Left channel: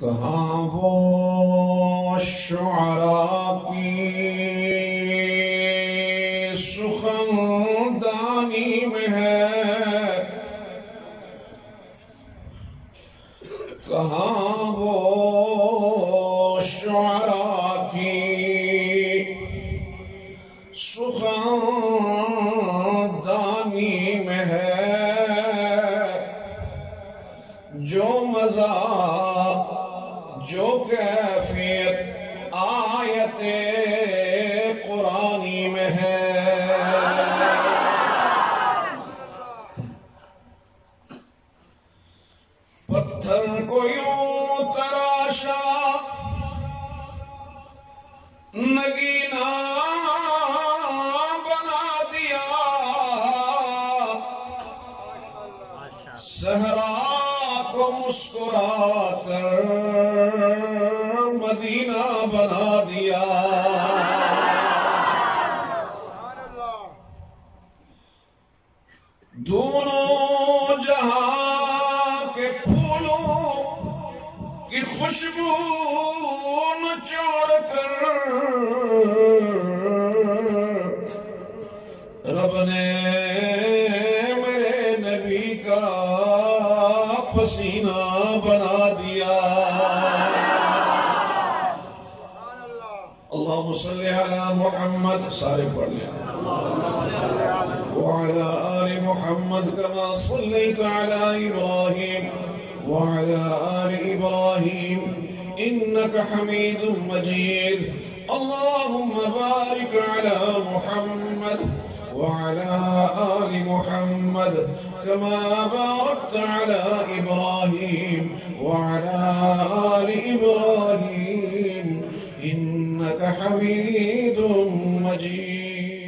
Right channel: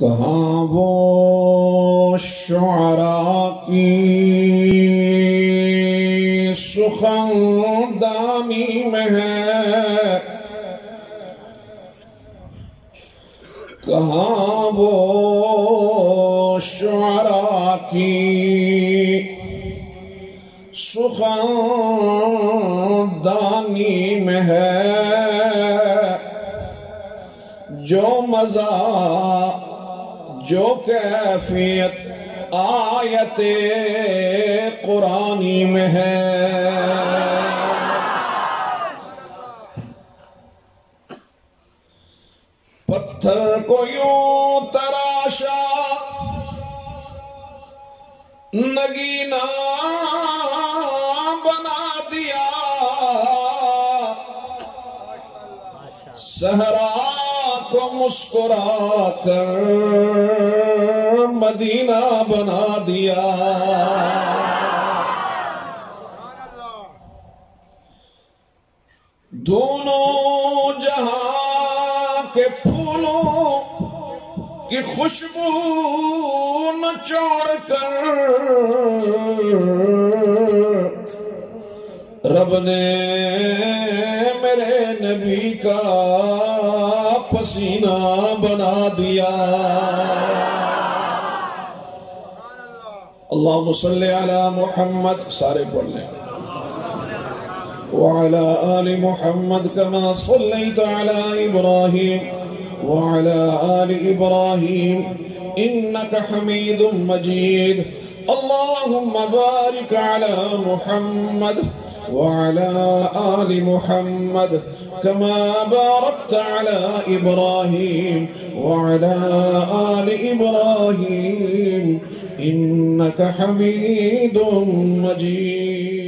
کہاں وہ شعراء کی سخندانی میں ہے، کہاں وہ شعراء کی سخندانی میں ہے، جو مزہ جو کیفیت آیت قرآنی میں ہے۔ پتھر کو یوں تراشا نگینا بنا دیا، صحرا کو مسکرا کر مدینہ بنا دیا۔ دونوں جہاں کے پھولوں کی خوشبو نچوڑ کر رب نے میرے نبی کا پسینہ بنا دیا۔ اللہم صلی علی محمد، سارے پڑھ لیں، وعلى آل محمد كما صليت على إبراهيم وعلى آل إبراهيم إنك حميد مجيد، اللهم بارك على محمد وعلى آل محمد كما باركت على إبراهيم وعلى آل إبراهيم إنك حميد مجيد۔